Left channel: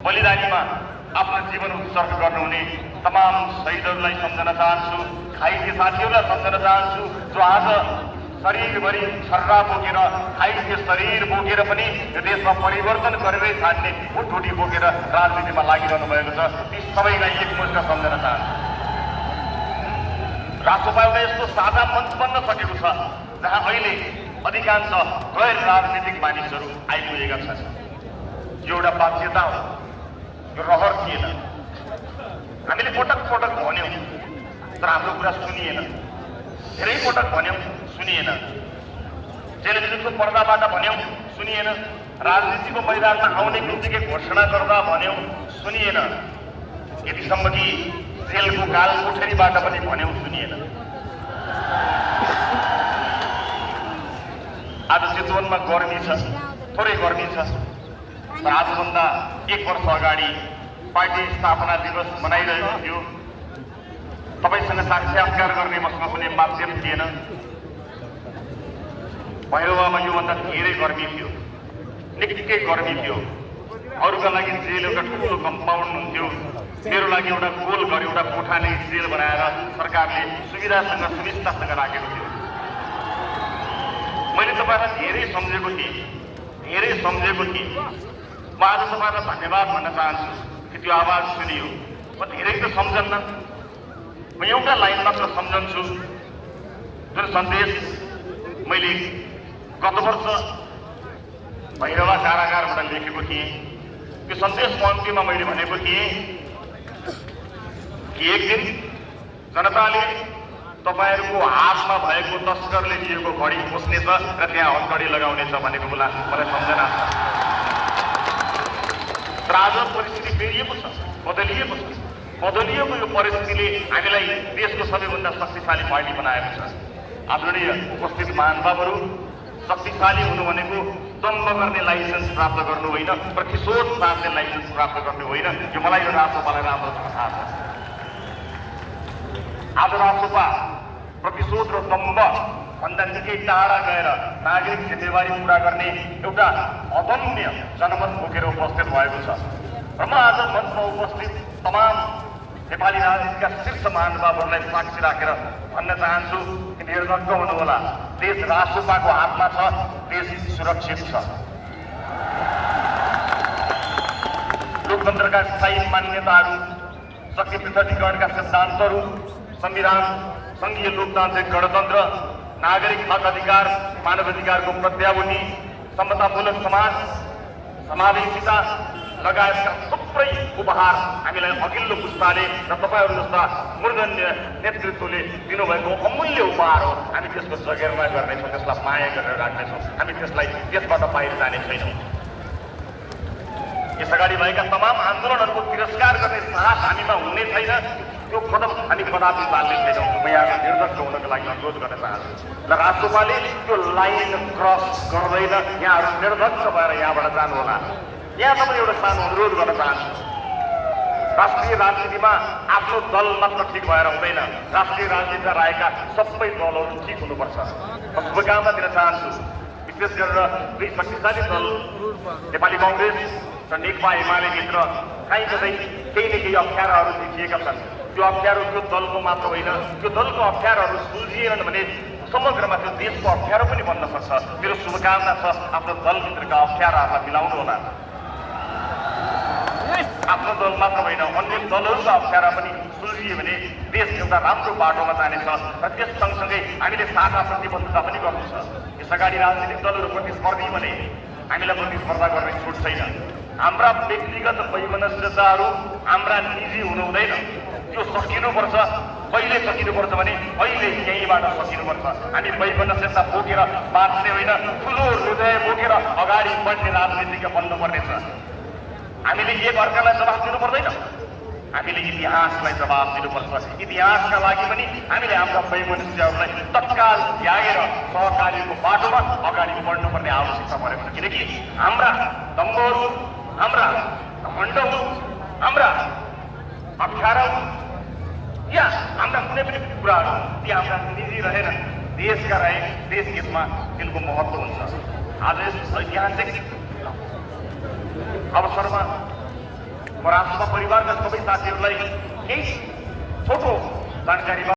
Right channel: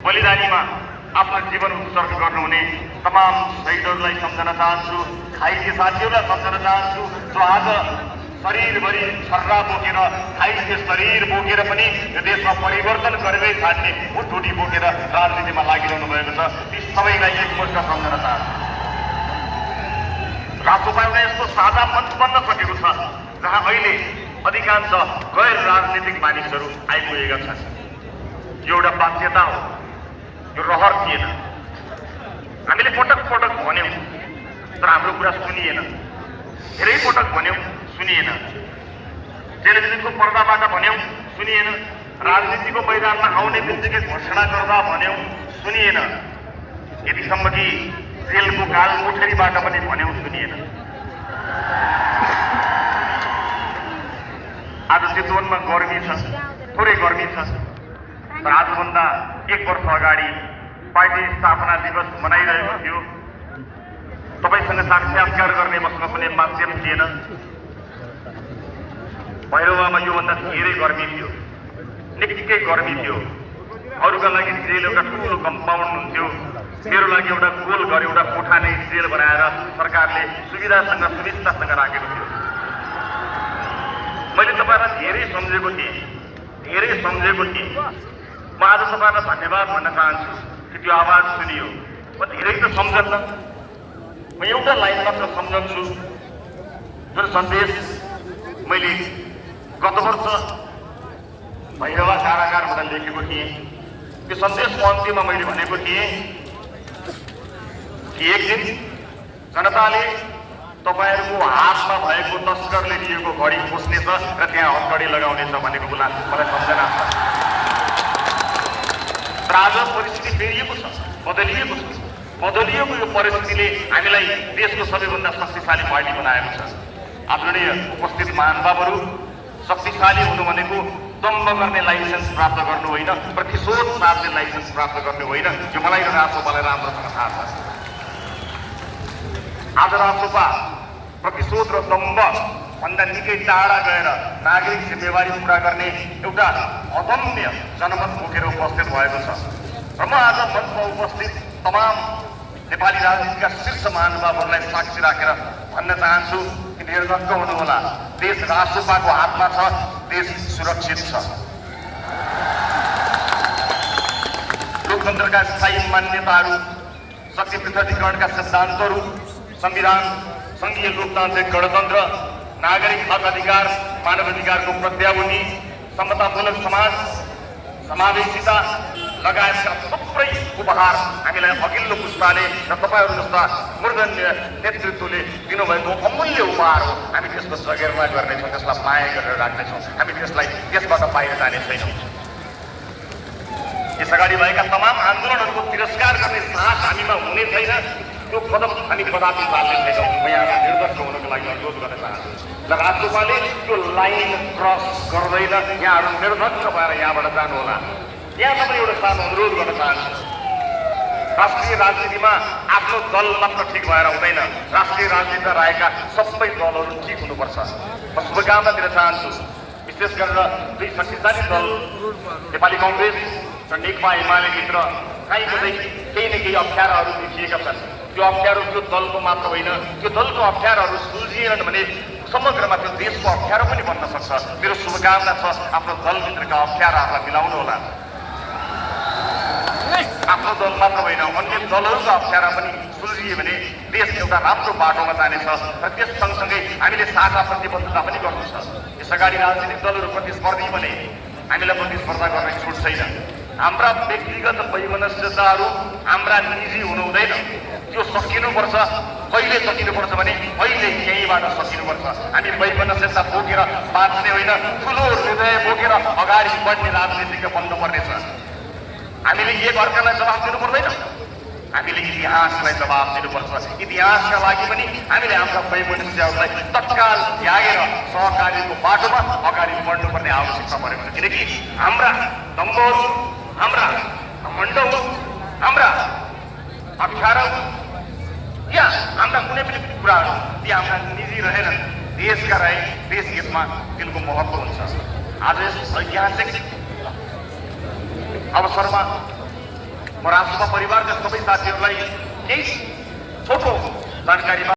बलिदानीमा आफ्नो जीवन उत्सर्ग गर्नुहुने तमाम शहीदहरूलाई सम्झन चाहन्छु। घाइते साथीहरूलाई सम्झन चाहन्छु जो आज शरीरभरि छर्रा बोकेर घाइते शरीर बोकेर पनि यो देशमा परिवर्तन गरेरै छाड्ने भुटभुटी बोकेर राजनीतिमा लागिरहनु भएको छ। ती सबैलाई एकमुष्ट सम्झन चाहन्छु। राष्ट्रपति एउटा यस्तो साझा मञ्च बन्न सकेको छ जहाँ अहिले अधिकांश गैर राजनीतिक मानिसहरू आइपुगेका छन्। यो एउटा बाध्यता हो, यो रहर थिएन। हामीले पटक पटक भन्यौँ तर हाम्रो कुरा सुनिएन। धेरै पटक भन्यौँ सुनिएन। टेलिभिजनको पर्दाबाट भन्यौँ सुनिएन। राजनीतिको मैदानमा आउने बित्तिकै घोषणा गर्दा भन्यौँ सुनिएन। यतिसम्म कि जेलको काल कोठरीबाट पनि भन्यौँ सुनिएन। आज चितवनमा गर्मी छ, थोरै गर्मी छ, तर आजभन्दा 1 वर्ष अगाडि पार्टी स्थापना दिवस मनाइरहेको थियो। तपाईसँग साक्षात्कार गर्ने मसँग कुनै माध्यम थिएन। भैरवामा योभन्दा धेरै गर्मी थियो, निकै गर्मी थियो। अरूका लागि जेल एउटा ठुलो कम्पाउन्ड हुन्थ्यो, मेरो लागि एउटा गोल घर एउटा कोठा नै जेल बनाएर सरकारले सुविधासँग सुविस्तासँग राखेको थियो। मैले तपाईँलाई धेरै सम्झेको थिएँ। म आज तपाईँलाई धन्यवाद भन्न चाहन्छु कि त्यो आवाज सुनियो। म धेरै त सम्झन्न, म एउटा लाइन मात्र सम्झन्छु। जुन सन्देश मैले गत वर्ष भैरवा कारागारबाट लेखेको थिएँ, त्यो सन्देशको अन्त्यमा मैले भनेको थिएँ कि एक दिन जनताले तपाईँहरूको हातमा भएको तस्करले दिएको घडी खोज्नेछ र त्यहाँ हतघडी लगाउनेछ भनेको कुरा मलाई सम्झना छ। तर आज परिस्थिति फेरिएको छ, बदलिएको छ। बदलिएको यो परिस्थितिले हामीलाई देशको सबैभन्दा शक्तिशाली पार्टी बनाएको छ। आदरणीय उपस्थित महानुभावहरू, शक्तिशाली हुनु भनेको दम्ब गर्ने लाइसेन्स प्राप्त गर्नु होइन, प्रतिशोध साध्ने लाइसेन्स प्राप्त गर्नु होइन। यो मलाई र राजोपालाई राम्रोसँग थाहा छ। आज राजोपा प्रतिशोध र दम्ब भन्दा निकै टाढा गएर नागरिक जिम्मेवारी पुरा गर्ने एउटा अदम्य जनमत बोकेर उपस्थित भएको छ। र म आज मञ्चमा उपस्थित तमाम नेपाली राजनीतिका शीर्ष महानुभावहरूलाई साक्षी राखेर भन्न चाहन्छु कि निर्धक्क हुनुहोला। देश राजोपाको हातमा छ, देश सुरक्षित छ। लोकतन्त्रका स्थायी मान्यताहरू, शक्ति पृथकीकरणका सिद्धान्तहरू, संविधान, संघीय लोकतान्त्रिक गणतन्त्र, नागरिक हक अधिकार, मानव अधिकारको प्रत्याभूति, समतामूलक समाज, समावेशिता लगायतका थुप्रै उपहार हामीलाई अघिल्लो पुस्ताले र तपाईँहरू जस्ता मूर्धन्य नेतृत्वले दिनुभएको अमूल्य उपहार हो। हामी त्यसको जगेर्ना गर्नेछौँ, त्यसलाई माया गरेर राख्नेछौँ। हामी त्यसबाट बाहिर जाने छैनौँ। यस अगाडि भएका तमाम आन्दोलनहरूको तिरस्कार गर्ने साहस हामीमा हुने छैन। त्यो कदम हामी कदापि चाल्ने छैनौँ। म यहाँ निर्धक्क हुनको लागि अनुरोध गर्न चाहन्छु र राजोपाले त्यो लाइन क्रस गर्दैन। यहाँहरू निर्धक्क भएर यहाँबाट जानुहोला। यहाँ तपाईँ एउटा सानो अनुरोध गर्न चाहन्छु। राष्ट्रिय राजनीतिमा आफ्नो दल मात्र ठिक भएर हुँदैन, राष्ट्रिय राजनीतिमा रहेका सबै दलहरू ठिक हुनुपर्छ। म शुभकामना दिन चाहन्छु। विशेष गरेर दुई शक्तिशाली दल नेपाली कङ्ग्रेस र नेकपा एमालेभित्र कहीँ कतै केही न केही अप्ठ्याराहरू देखिएका छन्। त्यो अप्ठ्यारो त्यो दलको मात्र होइन, त्यो दलको अप्ठ्याराहरू सुल्झिएनन् भने समग्रमा त्यो देशको अप्ठ्यारो पनि बन्न सक्छ। मेरो शुभकामना छ आफ्नो दलभित्रका अप्ठ्याराहरूलाई मिलाउनु होला। आफ्नो दल मात्र होइन, अन्य दलहरूका अप्ठ्यारा पनि सुल्झियो भने देश एउटा राम्रो बाटोमा जानेछ। र त्यस सँगसँगै हामीले साझा प्रतिबद्धता पनि गर्नु छ। यस अगाडि राजनीतिक दलहरू प्रतिस्पर्धी भने हामीलाई प्रतिस्पर्धा गर्ने छुट छैन। हाम्रा व्यक्तिगत वैमनस्यताहरू हाम्रा निजी हुनु हुँदैन। त्यो सकिनुपर्छ। कहिले सकिनुपर्छ भने अहिले यहीँबाट सकिनुपर्छ। हामी वैमनस्यता बोकेर बाँच्ने होइन, ठुलो हृदय बोकेर अगाडि बढ्ने राजनीतिक बन्नुपर्नेछ। हामीले एक अर्कालाई जवाफ दिनु पर्दैन, हामीले इतिहासलाई जवाफ दिनुपर्छ। इतिहासका लागि पनि हामीले हाम्रा वैमनस्यहरूलाई तत्काल त्यागेर सहकारीको बाटोमा अगाडि बढ्नुपर्ने आवश्यकता परेको छ। किनकि हाम्रा दम्बहरू, हाम्रा घमण्डहरू, हाम्रा अप्ठ्याराहरू या हाम्रा कुनै पनि कुराहरू ती हाम्रा निजी रहेर देशका रहे देश हितमा तिनको महत्त्व हुन्छ। आज यस ऐतिहासिक अवसरमा म राष्ट्रपा परिवारका सबै साथीहरूलाई केही छोटो जानकारी